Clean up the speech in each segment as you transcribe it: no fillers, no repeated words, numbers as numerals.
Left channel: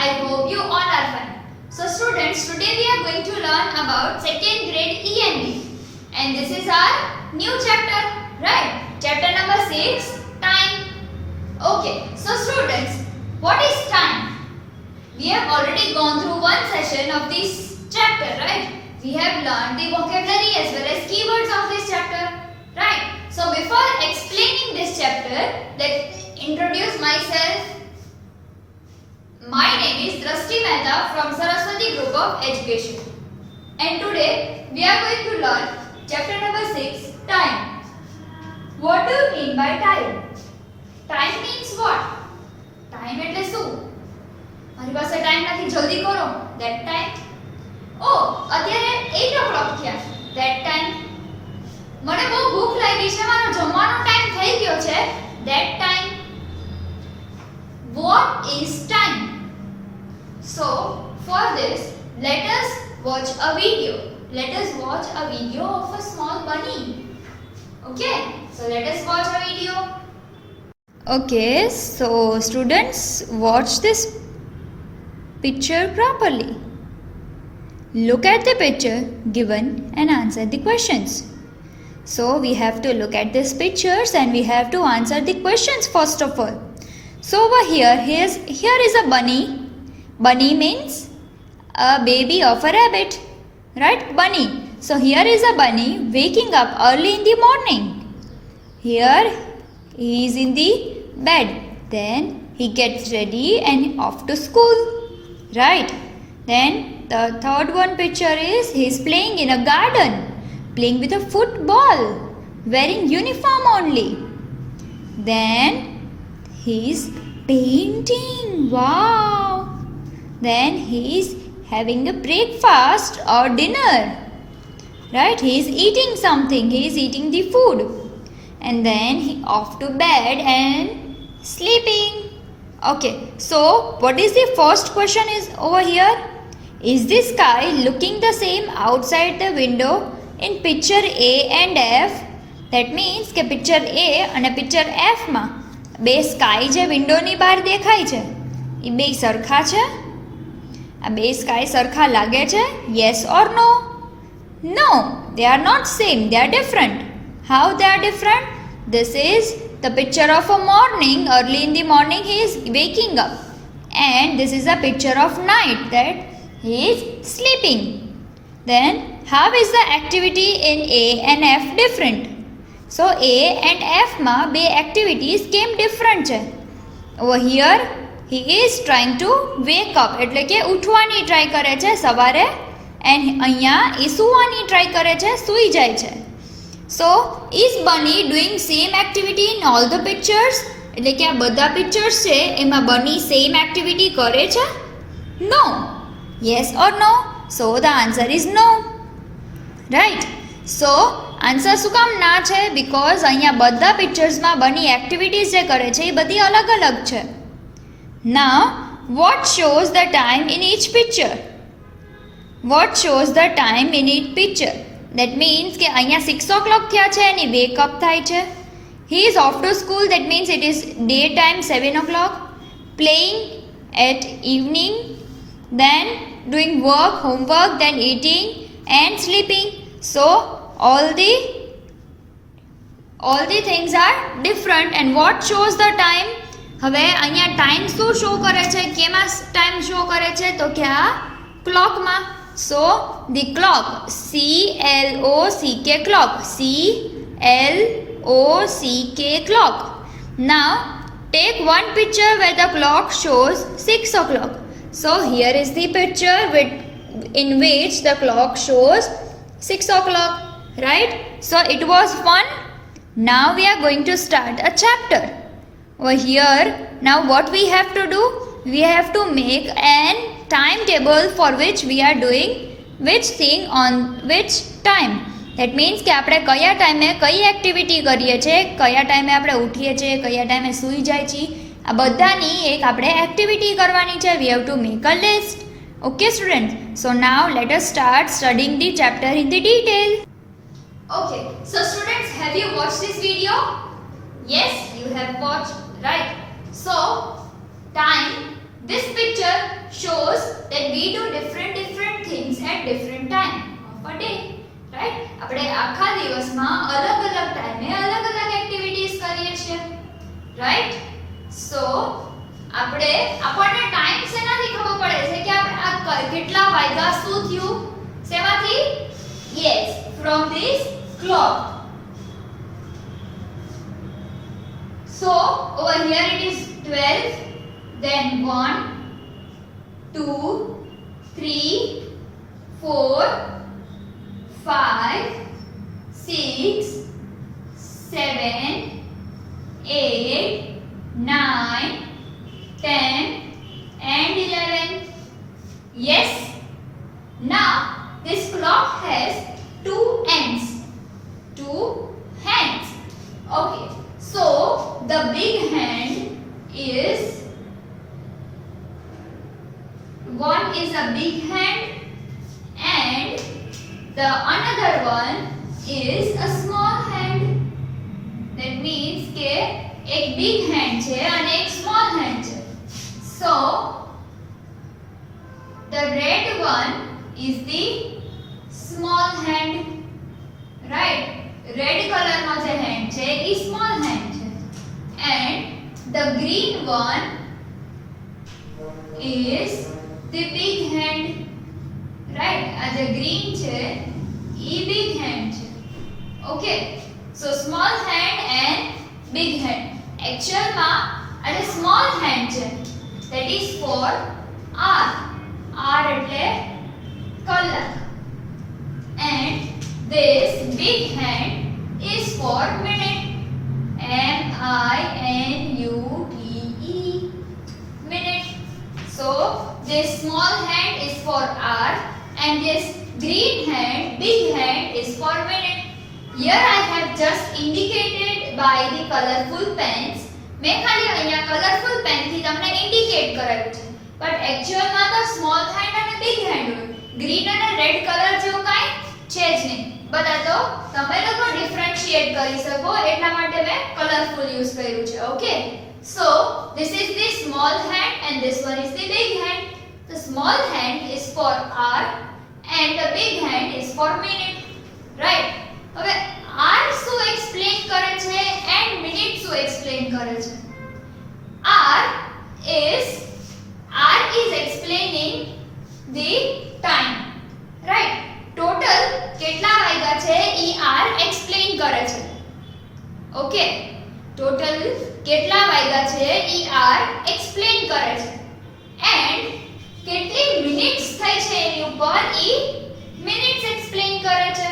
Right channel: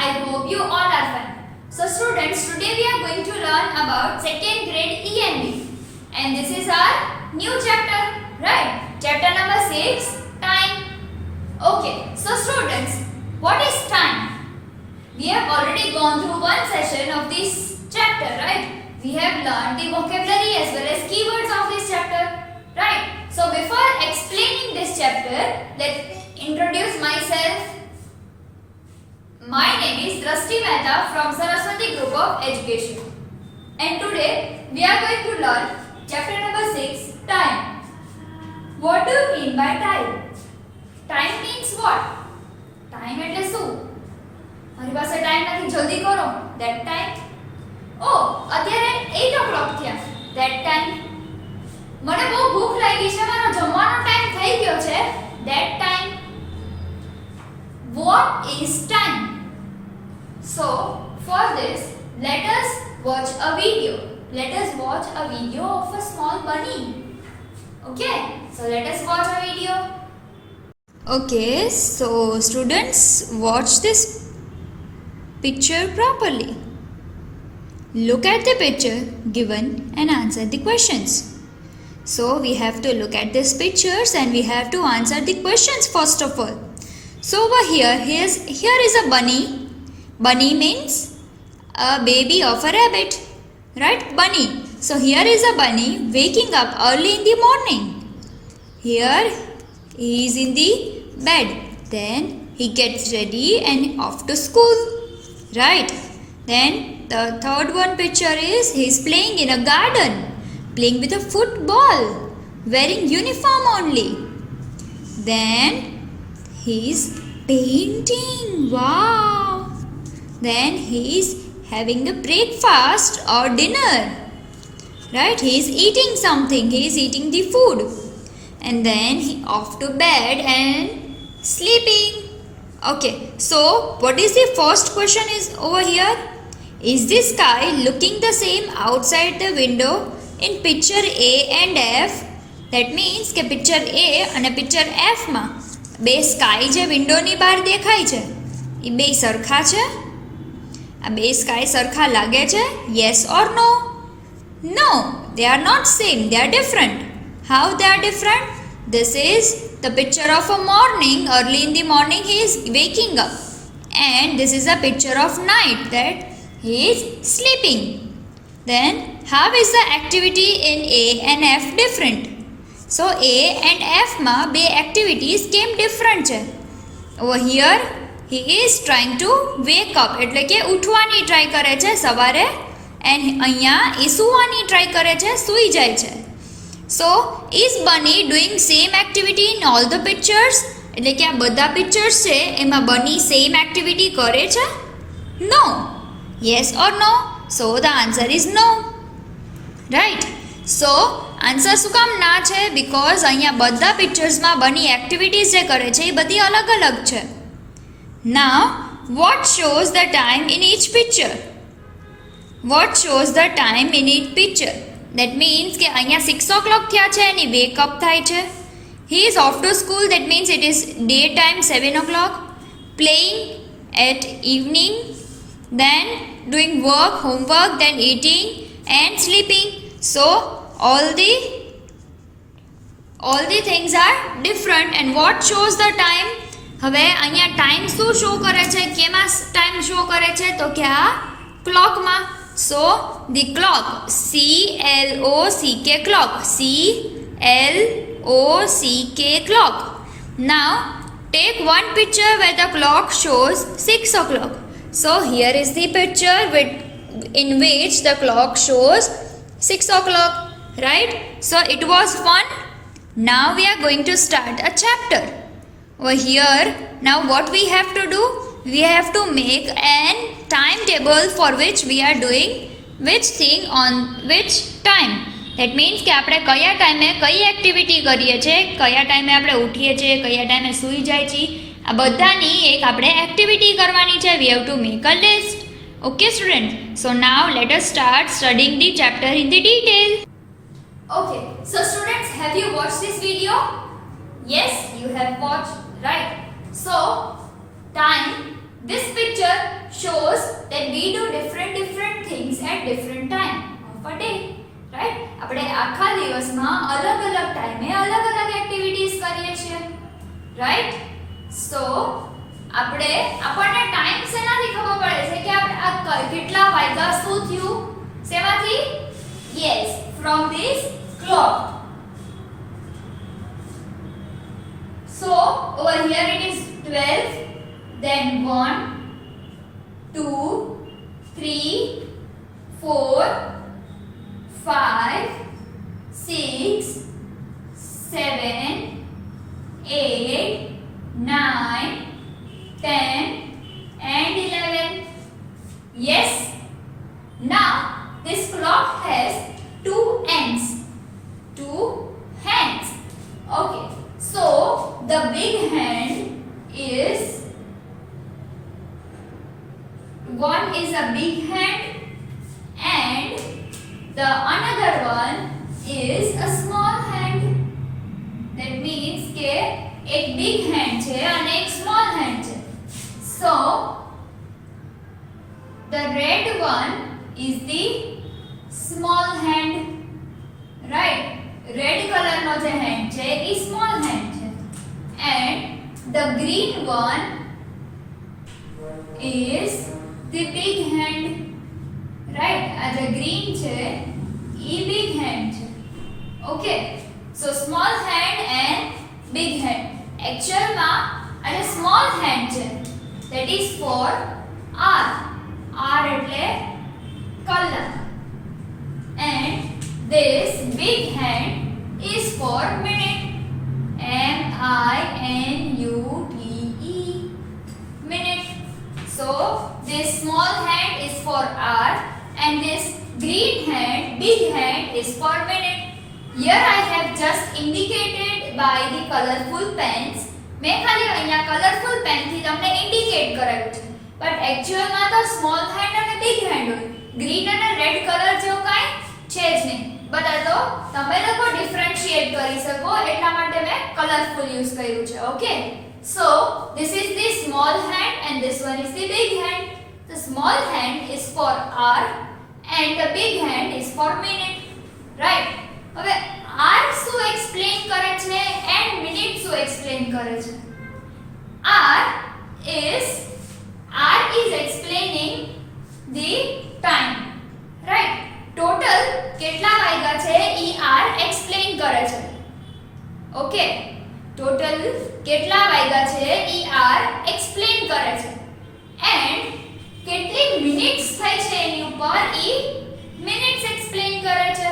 I hope you all are fine. So students, today we are going to learn about second grade ENV, and this is our new chapter, right? Chapter number 6, time. Okay, so students, what is time? We have already gone through one session of this chapter, right? We have learned the vocabulary as well as keywords of this chapter, right? So before explaining this chapter, let's introduce myself. My name is Drashti Mehta from Saraswati Group of Education, and today we are going to learn chapter number 6, time. What do you mean by time? Time means what? Time એટલે શું? મારી પાસે ટાઈમ નથી, જલ્દી કરો. That time. Oh, અત્યારે 8 o'clock થયા. That time. મને બહુ ભૂખ લાગી છે, મારો જમવાનો ટાઈમ થઈ ગયો છે. That time. What is time? So, for this, let us watch a video. Let us watch a video of a small bunny. Okay, so let us watch a video. Okay, so students, watch this picture properly. Look at the picture given and answer the questions. So we have to look at these pictures and we have to answer the questions first of all. So over here is a bunny. Bunny means a baby of a rabbit, right? Bunny. So here is a bunny waking up early in the morning. Here he is in the bed. Then he gets ready and off to school, right? Then the third one picture is he is playing in a garden, playing with a football, wearing uniform only. Then he is painting. Wow! Then he is having a breakfast or dinner, right? He is eating something. He is eating the food, and then he off to bed and sleeping. Okay, so what is the first question is over here? Is the sky looking the same outside the window in picture A and F? That means કે picture A અને picture F માં બે સ્કાય જે વિન્ડોની બહાર દેખાય છે એ બે સરખા છે? આ બે સ્કાય સરખા લાગે છે? Yes or no? No, they are not same. They are different. How they are different? This is the picture of a morning. Early in the morning he is waking up, and this is a picture of night, that he is sleeping. Then how is the activity in A and F different? So A and F માં બે activities કેમ different છે? Over here he is trying to wake up, એટલે કે ઉઠવાની ટ્રાય કરે છે સવારે, and અહીંયા એ સુવાની ટ્રાય કરે છે, સૂઈ જાય છે. So is bunny doing same activity in all the pictures? એટલે કે આ બધા pictures છે એમાં bunny same activity કરે છે? No. Yes or no? So the answer is no, right? So answer શું કામ ના છે? બિકોઝ અહીંયા બધા પિક્ચર્સમાં બની એક્ટિવિટીઝ જે કરે છે એ બધી અલગ અલગ છે. Now, what shows the time in each picture? What shows the time in each picture? That means કે અહીંયા 6 o'clock થયા છે અને wake up થાય છે. He is off to school. That means it is daytime 7 o'clock. Playing at evening. Then doing work, homework, then eating and sleeping. So all the things are different. And what shows the time? હવે અહીંયા ટાઈમ શું શો કરે છે? કેમાં time show કરે છે? તો કે આ ક્લોકમાં. So the clock, CLOCK clock, CLOCK clock. Now take one picture where the clock shows 6 o'clock. So here is the picture in which the clock shows 6 o'clock, right? So it was fun. Now we are going to start a chapter. Over here, now what we have to do? We have to make an timetable for which we are doing which thing on which time. That means કે આપણે કયા ટાઈમે કઈ એક્ટિવિટી કરીએ છીએ, કયા ટાઈમે આપણે ઉઠીએ છીએ, કયા ટાઈમે સૂઈ જાય છે, આ બધાની એક આપણે એક્ટિવિટી કરવાની છે. We have to make a list. Okay students, so now let us start studying the chapter in the detail. Okay, so students, have you watched this video? Yes, you have watched, right? So, time, this picture shows that we do different things at different time of a day, right? આપણે આખા દિવસમાં અલગ-અલગ ટાઈમે અલગ-અલગ એક્ટિવિટીઝ કરીએ છીએ, રાઈટ? સો આપણને ટાઈમ શેનાથી ખબર પડે છે કે આપણે આ કેટલા વાગ્યા શું થયું? શેમાંથી? Yes, from this clock. So over here it is 12, then 1, 2, 3, 4, 5, 6, 7, 8, 9, 10 and 11. Yes. Now this clock has two ends. Two hands. Okay. So the big hand is one is a big hand and the another one is a small hand. That means કે એક big hand છે અને એક small hand છે. So the red one is the small hand, right? Red color નો જે hand છે એ small hand છે and the green one is the big hand, right? આ જે green છે એ big hand છે. Okay, so small hand and big hand. Actual માં આ જે small hand છે that is for hour. hour એટલે કલાક. And this big hand is for minute. M-I-N-U-T-E, minute. So this small hand is for hour and this green hand, big hand is for minute. Here I have just indicated by the colorful pens. મેં ખાલી અહીંયા કલરફુલ પેનથી તમને ઇન્ડિકેટ કરાવ્યું છે, બટ એક્ચ્યુઅલમાં તો small hand અને બિગ હેન્ડ હોય. ગ્રીન અને રેડ કલર જેવું કાંઈ છે જ નહીં. બધા તો તમે લોકો ડિફરન્શિએટ કરી શકો એટલા માટે મેં કલરફુલ યુઝ કર્યું છે. ઓકે, સો this is the small hand and this one is the big hand. The small hand is for hour and the big hand is for minute, right? હવે hour શું એક્સપ્લેન કરે છે and minute શું એક્સપ્લેન કરે છે? hour is explaining the time, right? Total કેટલા વાગ્યા છે ઈ r એક્સપ્લેન કરે છે. ઓકે, ટોટલ કેટલા વાગ્યા છે ઈ r એક્સપ્લેન કરે છે એન્ડ કેટલી મિનિટ્સ થઈ છે એની ઉપર ઈ મિનિટ્સ એક્સપ્લેન કરે છે,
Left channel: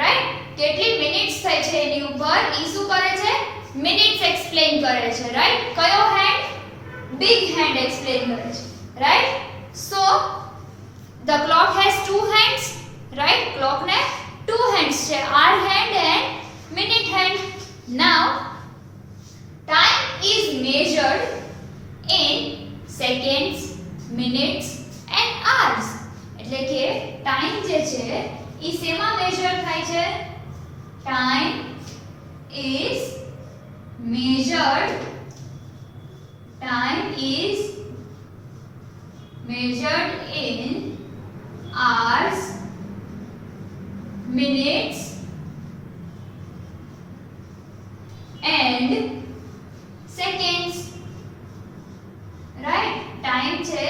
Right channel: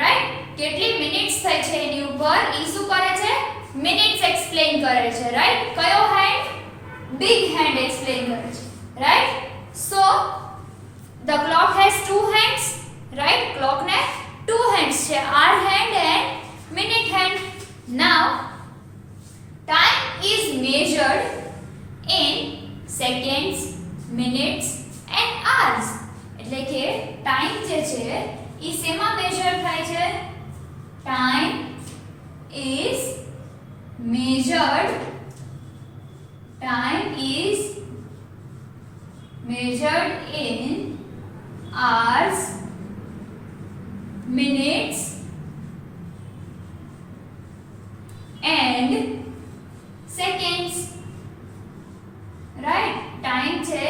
રાઈટ? કેટલી મિનિટ્સ થઈ છે એની ઉપર ઈ શું કરે છે? મિનિટ્સ એક્સપ્લેન કરે છે, રાઈટ? કયો હેન્ડ? બિગ હેન્ડ એક્સપ્લેન કરે છે, રાઈટ? સો the clock has two hands, right? Clock ne two hands છે, hour hand and minute hand. Now time is measured in seconds, minutes and hours. એટલે કે ટાઈમ જે છે ઈ શેમાં મેજર થાય છે? Time is measured in hours, minutes and seconds, right? Time છે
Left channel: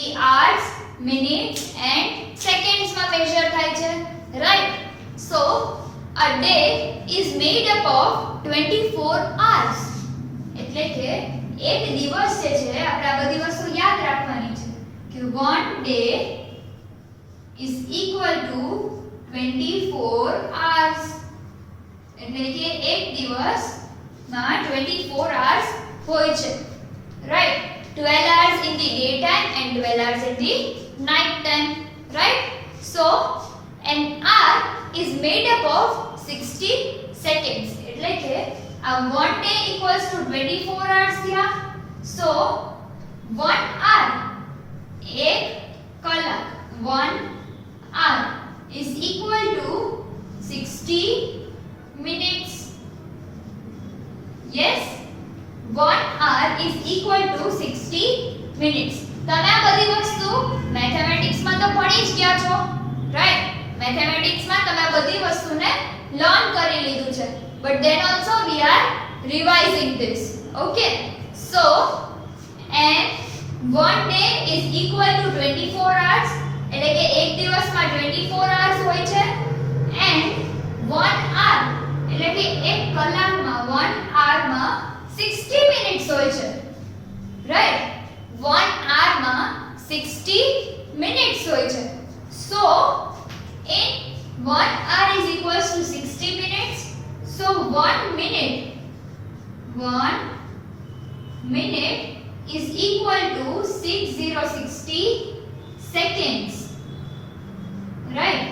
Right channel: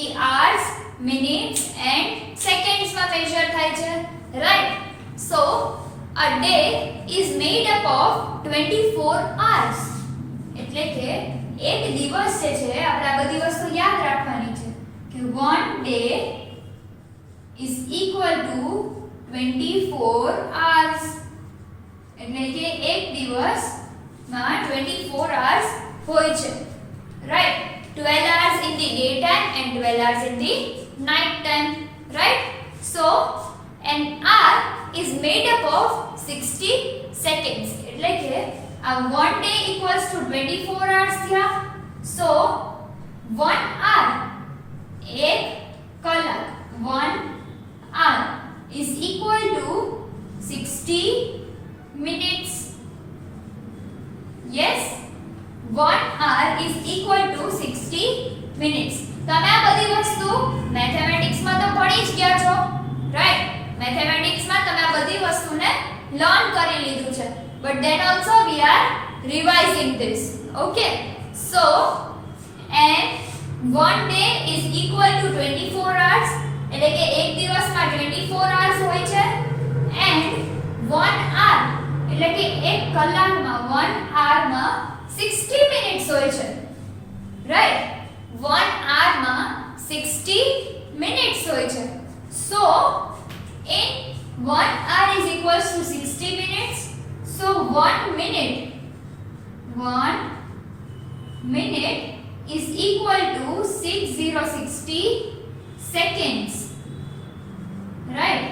ઈ hours, minutes and seconds માં measure થાય છે, right? So a day is made up of 24 hours. એટલે કે એક દિવસ જે છે આપણે આ બધી વસ્તુ યાદ રાખવાની છે કે one day is equal to 24 hours. એટલે કે એક દિવસમાં 24 hours હોય છે, right? 12 hours in the daytime and 12 hours in the night time, right? So an hour is made up of 60 seconds. એટલે કે આ one day equals to 24 hours થયા. So 1 hour, એક કલાક, 1 hour is equal to 60 minutes. Yes, 1 hour is equal to 60 minutes. તમે આ બધી ભણી જ ગયા છો, રાઈટ? મેથેમેટિક્સમાં તમે આ બધી વસ્તુને લર્ન કરી લીધું છે, but then also we are revising this. Okay, so and one day is equal to 24 hours, એટલે કે એક દિવસમાં 24 hours હોય છે, and 1 hour એટલે કે એક કલાકમાં 1 hour માં 60 minutes હોય છે, રાઈટ? 1 hour માં 60 minutes હોય છે. So in 1 hour is equals to 60 minutes. So 1 minute is equal to 6060 seconds. Right?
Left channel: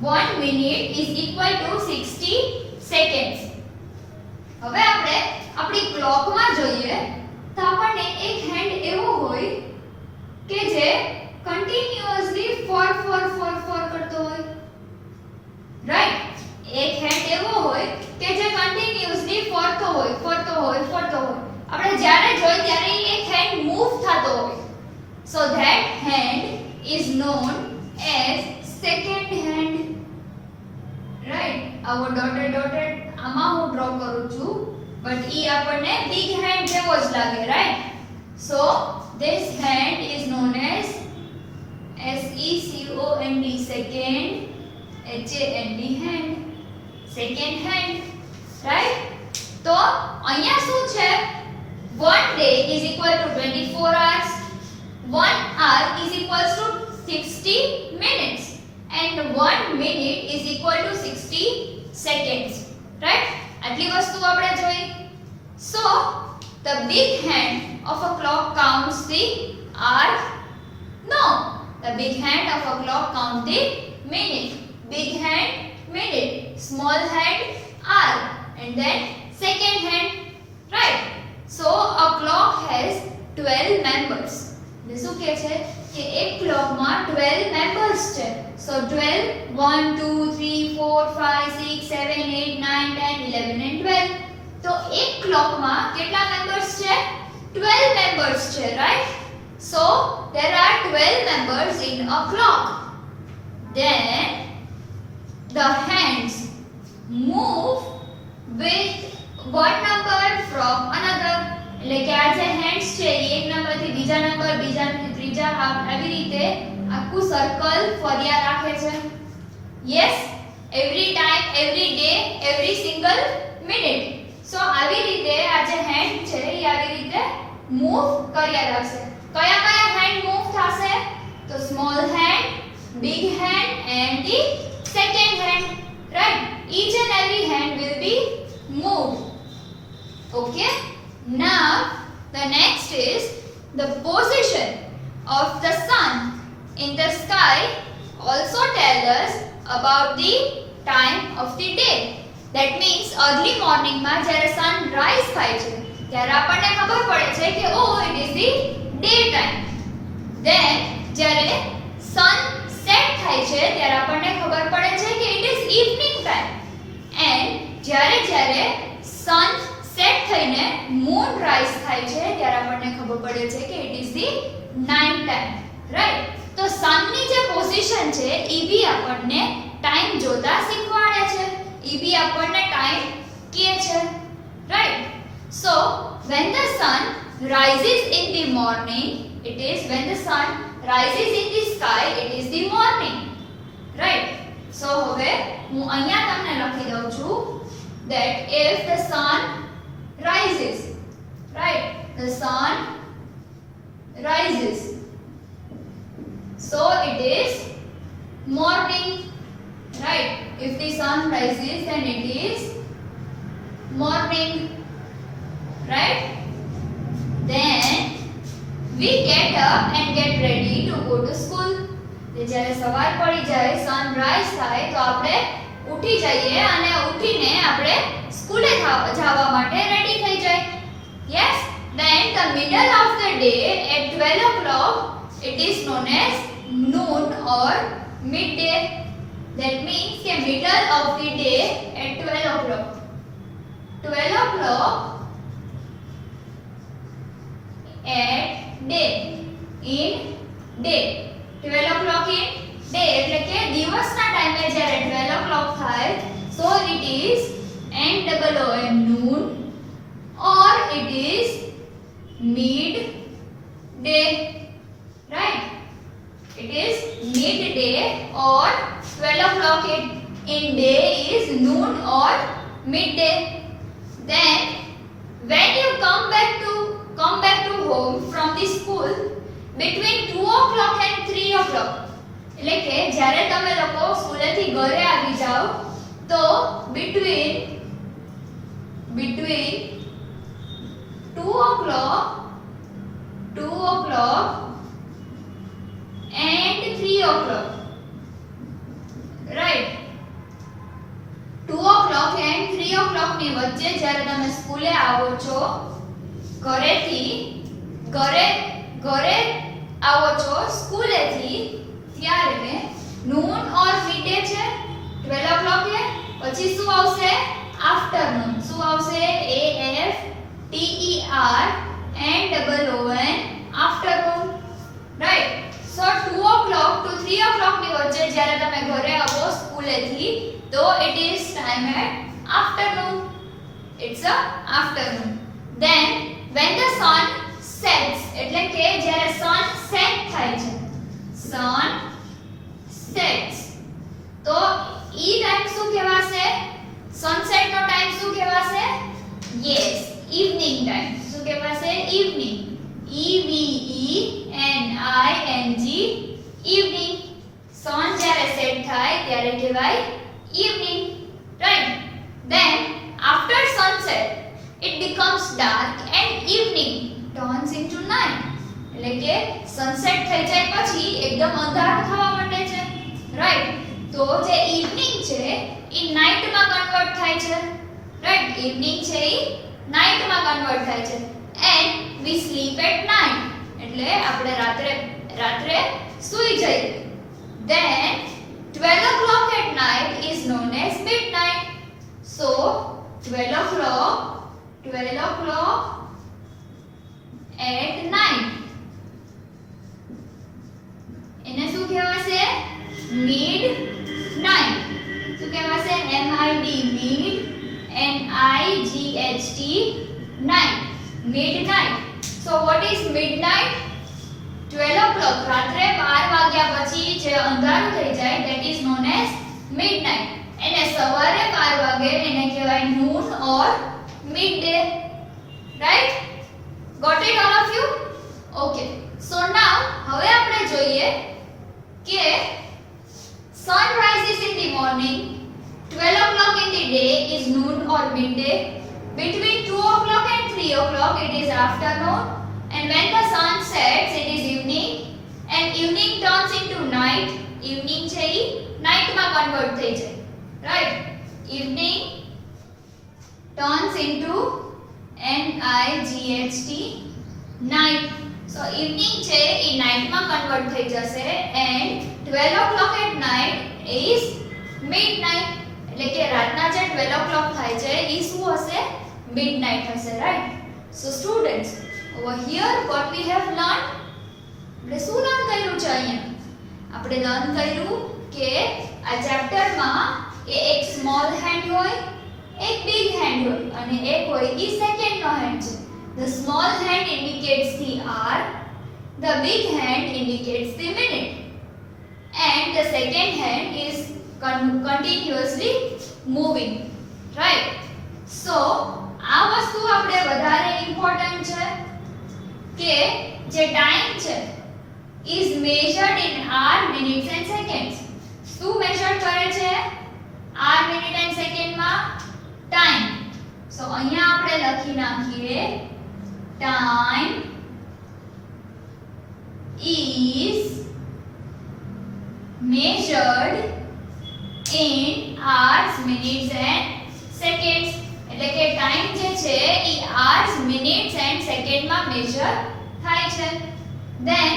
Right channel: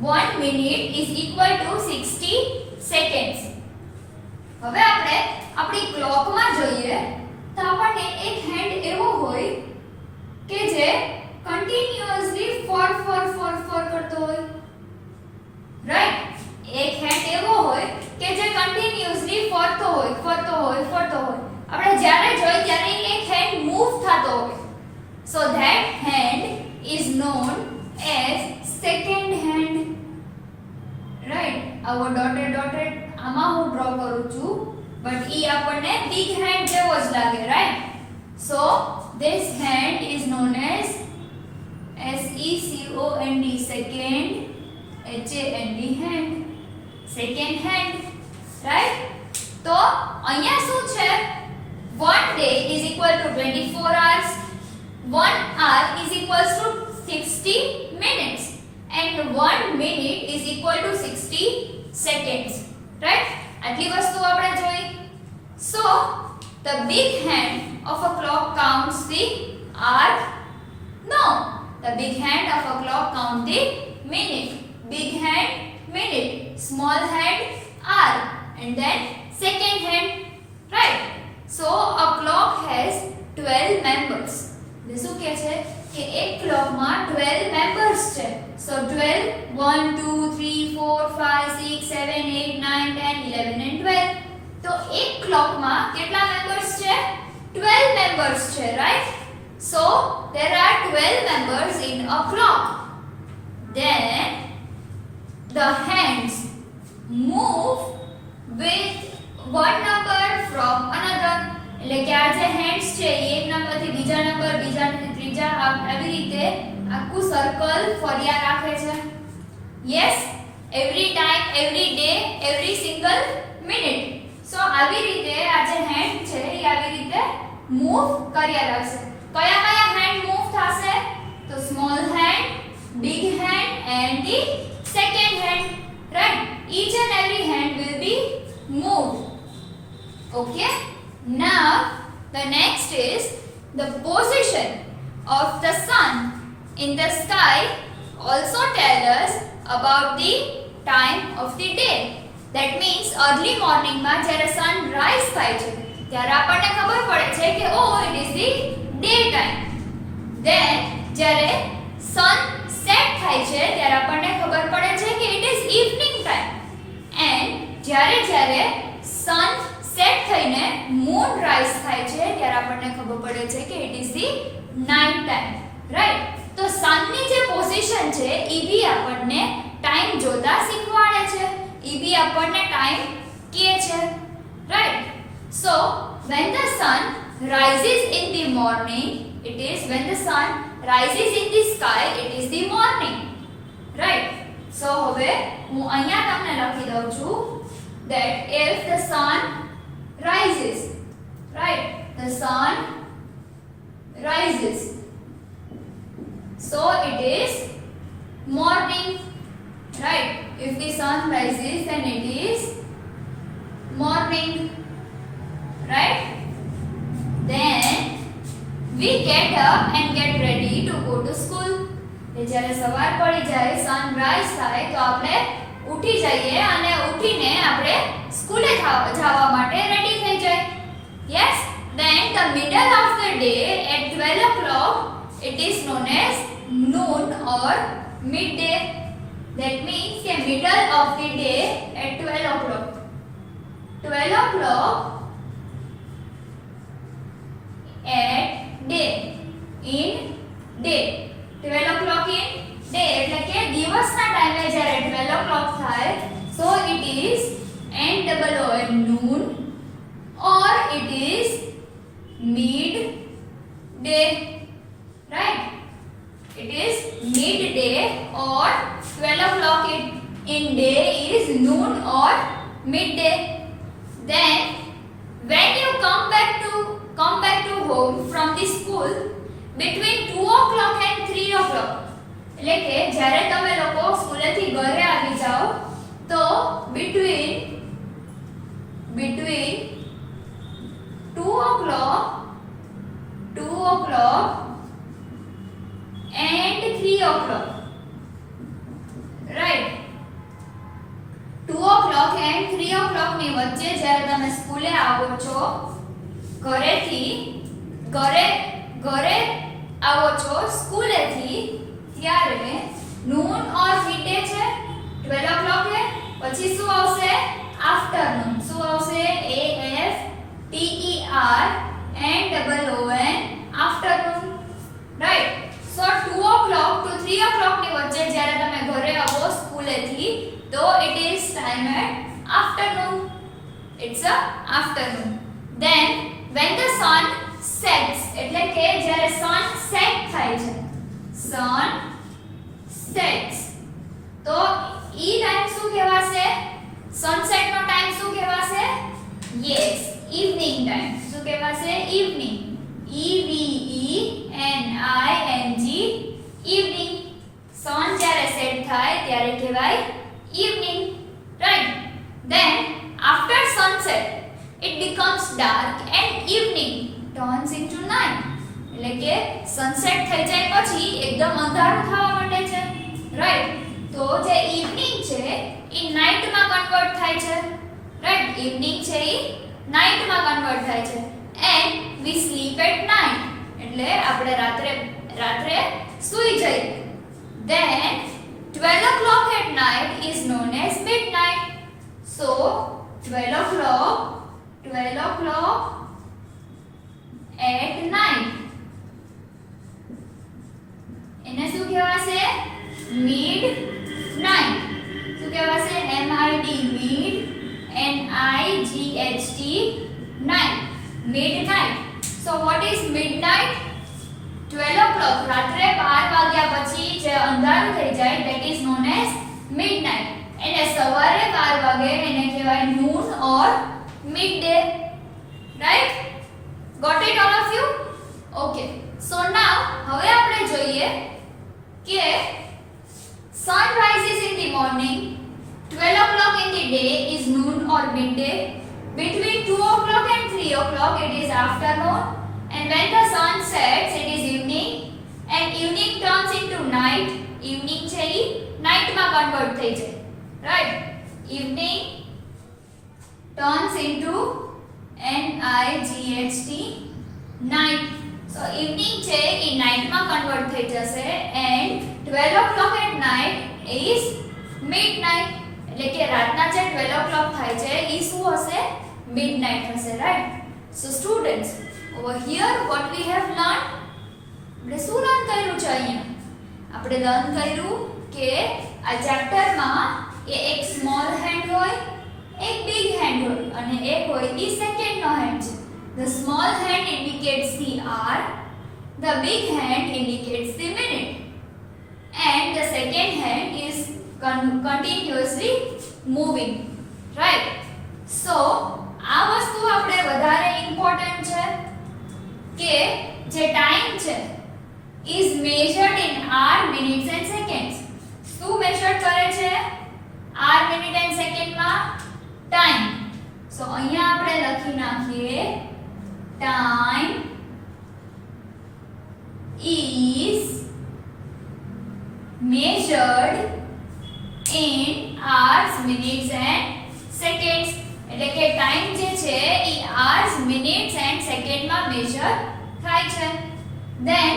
1 minute is equal to 60 seconds. હવે આપણે આપણી ક્લોકમાં જોઈએ તો આપણને એક હેન્ડ એવો હોય કે જે કન્ટિન્યુઅસલી ફોર કરતો હોય, રાઈટ? એક હેન્ડ એવો હોય કે જે કન્ટિન્યુઅસલી ફરતો હોય. આપણે જ્યારે જોઈ ત્યારે એક હેન્ડ મૂવ થતો હોય. So that hand is known as second hand, right? આવો ડોટેડ આમાં હું ડ્રો કરું છું, બટ ઈ આપણને બિગ હેન્ડ જેવો જ લાગે, right? So this hand is known as SECOND, second, HAND, hand, second hand, right? તો અહીંયા શું છે? 1 day is equal to 24 hours, 1 hour is equals to 60 minutes, and 1 minute is equal to 60 seconds, right? આટલી વસ્તુ આપણે જોઈ. So the big hand of a clock counts the hour? No. The big hand of a clock counts the minute. Big hand, minute. Small hand, hour. And then second hand, right? So a clock has 12 members. એટલે શું કહે છે કે એક ક્લોકમાં 12 members છે. So 12, 1, 2, 3, 4, 5, 6, 7, 8, 9, 10, 11 and 12. તો એક ક્લોકમાં કેટલા members છે? 12 members છે, right? So there are 12 members in a clock. Then the hands move with one number from another. એટલે કે આ જે hands છે એ એક નંબરથી બીજા નંબરથી ત્રીજા, આવી રીતે આખું સર્કલ ફર્યા રાખે છે. Yes, every time, every day, every single minute. So આવી રીતે આ જે hand છે એ આવી રીતે મૂવ કર્યા રાખશે. કયા hand move થશે? તો small hand, big hand and the second hand, right? Each and every hand will be moved. Okay, now the next is the position of the sun in the sky also tell us about the time of the day. That means early morning માં જ્યારે sun rise થાય છે ત્યારે આપણને ખબર પડે છે કે it is the day time. Then જ્યારે sun set થાય છે ત્યારે આપણને ખબર પડે છે કે it is evening time. And જ્યારે sun set થઈને moon rise થાય છે ત્યારે આપણને ખબર પડે છે કે it is the night time, right? તો sun ની જે પોઝિશન છે ઈ બી આપણને ટાઈમ જોતા શીખવાડે છે, ઈ બી આપણને ટાઈમ કહે છે, right? So when the sun rises in the morning, it is when the sun rises in the sky, it is the morning, right? So હવે હું અહીંયા તમને લખી દઉં છું that if the sun rises, right? The sun rises, so it is morning, right? If the sun rises, then it is morning, right? Then we get up and get ready to go to school. જ્યારે સવાર પડી જાય, સનરાઈઝ થાય તો આપણે ઉઠી જઈએ અને ઉઠીને આપણે સ્કૂલે જવા માટે રેડી થઈ જાય. Yes, then the middle of the day at 12 o'clock, it is known as noon or midday. That means the middle of the day at 12 o'clock. 12 o'clock at day, in day. 12 o'clock in it is NOON noon, or it is midday, right? It is midday, or 12 o'clock in day is noon or midday. Then when you come back to home from the school between 2 o'clock and 3 o'clock, એટલે કે જ્યારે તમે લોકો સ્કૂલેથી ઘરે આવી જાઓ તો between 2 o'clock and 3 o'clock, right? 2 o'clock and 3 o'clock ની વચ્ચે જ્યારે તમે સ્કૂલે આવો છો, ઘરે આવો છો સ્કૂલેથી, ત્યારે નૂન ઓર મિડે છે 12 o'clock એ, પછી શું આવશે? આફ્ટરનૂન. શું આવશે? AFTERNOON, afternoon, right? So 2 o'clock to 3 o'clock ની વચ્ચે જ્યારે તમે ઘરે આવો સ્કૂલેથી તો it is time at afternoon. It's a afternoon. Then when the sun sets, એટલે કે જ્યારે sun set થાય છે, sun sets, તો ઈ ટાઈમ શું કહેવાશે? સનસેટ નો ટાઈમ શું કહેવાશે? Yes, evening time. શું કહેવાશે? ઇવનિંગ. EVENING, evening. સન જ્યારે સેટ થાય ત્યારે કહેવાય evening, right? Then after sunset it becomes dark and evening turns into night. એટલે કે સનસેટ થઈ જાય પછી એકદમ અંધારું થવા માંડે છે, રાઈટ? તો જે ઇવનિંગ છે એ નાઈટ માં કન્વર્ટ થાય છે, રાઈટ? ઇવનિંગ છે એ નાઈટ માં કન્વર્ટ થાય છે. And we sleep at night, એટલે આપણે રાત્રે સૂઈ જઈએ. Then 12 o'clock at night is known as midnight. So 12 o'clock at night, એને શું કહેવાશે? midnight. શું કહેવાશે? MID, mid, NIGHT, night, midnight. So what is midnight? 12 o'clock, રાત્રે 12 વાગ્યા પછી જે અંધારું થઈ જાય, that is known as midnight. એને સવારે 12 વાગે એને કહેવાય noon or midday, right? Got it all of you? Okay. So now હવે આપણે જોઈએ કે sun rises in the morning, 12 o'clock in the day is noon or midday, between 2 o'clock and 3 o'clock it is afternoon, and when the sun sets it is evening, and evening turns into night. Evening છે ઈ night માં કન્વર્ટ થઈ જાય, right? Evening turns into NIGHT, night. So evening છે ઈ night માં કન્વર્ટ થઈ જશે, and 12 o'clock at night is midnight. એટલે કે રાતના જે 12 o'clock થાય છે ઈ શું હશે? midnight હશે, right? So students, over here what we have learned, આપણે શું લર્ન કર્યું છે? અહીંયા આપણે લર્ન કર્યું કે આ ચેપ્ટરમાં એ એક સ્મોલ હેન્ડ હોય, એક બિગ હેન્ડ હોય, અને એક હોય ઈ સેકન્ડ નો હેન્ડ છે. The small hand indicates the hour, the big hand indicates the minute, and the second hand is continuously moving, right? So આ વસ્તુ આપણે વધારે ઇમ્પોર્ટન્ટ છે કે જે ટાઈમ છે is measured in hour, minutes and seconds. શું મેજર કરે છે? hour, minute and second માં ટાઈમ. સો અહીંયા આપણે લખી નાખીએ time is measured in hours, minutes and seconds. એટલે કે ટાઈમ જે છે ઈ hours, minutes and second માં મેજર થાય છે. Then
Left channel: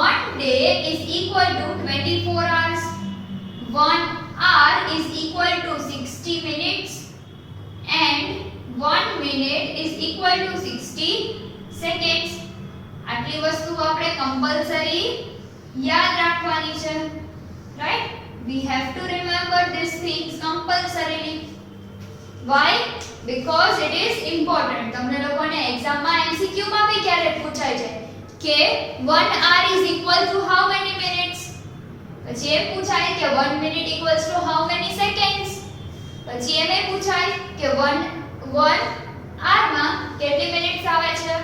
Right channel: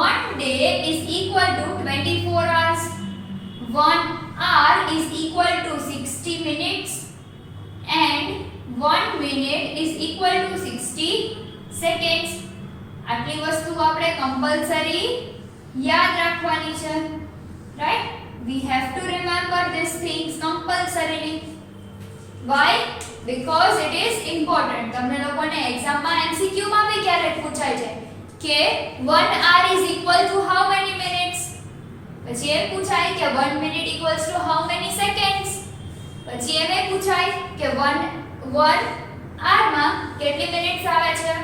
1 day is equal to 24 hours. 1 hour is equal to 60 minutes and 1 minute is equal to 60 seconds. આટલી વસ્તુ આપણે કમ્પલસરી યાદ રાખવાની છે, right? we have to remember these things compulsorily. Why? Because it is important. તમને લોકોને એક્ઝામમાં MCQ માં બી ક્યારેક પૂછાય છે કે 1 hour is equal to how many minutes? પછી એમ પૂછાય કે 1 minute equals to how many seconds? પછી એમ પૂછાય કે 1 hour માં કેટલી મિનિટ્સ આવે છે?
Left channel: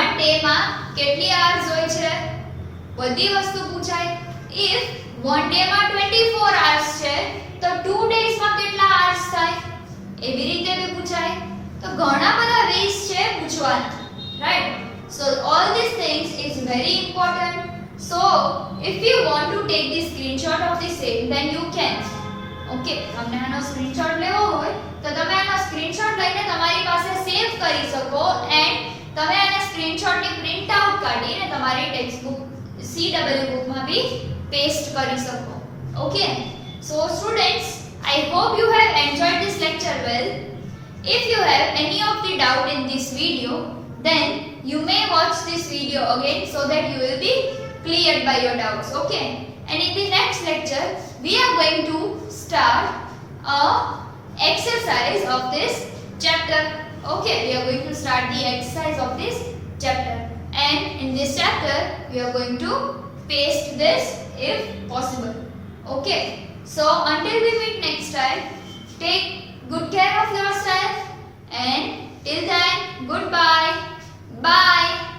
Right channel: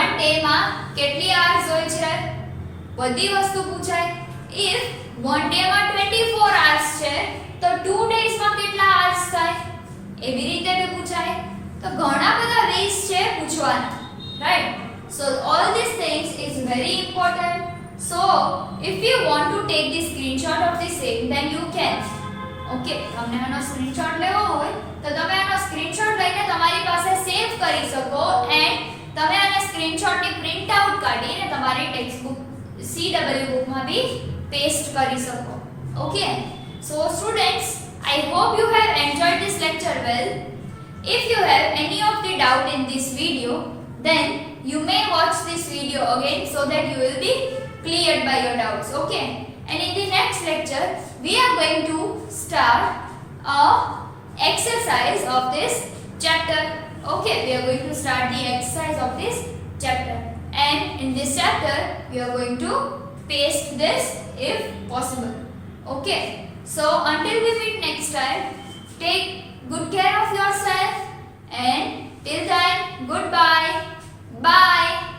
1 day માં કેટલી hours હોય છે? બધી વસ્તુ પૂછાય. if 1 day માં 24 hours છે તો 2 days માં કેટલા hours થાય? એવી રીતે બી પૂછાય. તો ઘણા બધા ways છે પૂછવાના, right? So all these things is very important. So if you want to take the screenshot of the same, then you can. Okay, તમને આનો સ્ક્રીનશોટ લેવો હોય તો તમે આનો સ્ક્રીનશોટ લઈને તમારી પાસે સેવ કરી શકો and તમે આના સ્ક્રીનશોટની પ્રિન્ટ આઉટ કાઢીને તમારી ટેક્સ્ટ બુક CW બુકમાં બી પેસ્ટ કરી શકો. Okay, so students, I hope you have enjoyed this lecture well. If you have any of the doubt in this video, then you may watch this video again so that you will be cleared by your doubts. Okay, and in the next lecture we are going to start a exercise of this chapter. Okay, we are going to start the exercise of this chapter, and in this chapter we are going to paste this if possible. Okay, so until we meet next time, take good care of yourself, and till then, goodbye. Bye.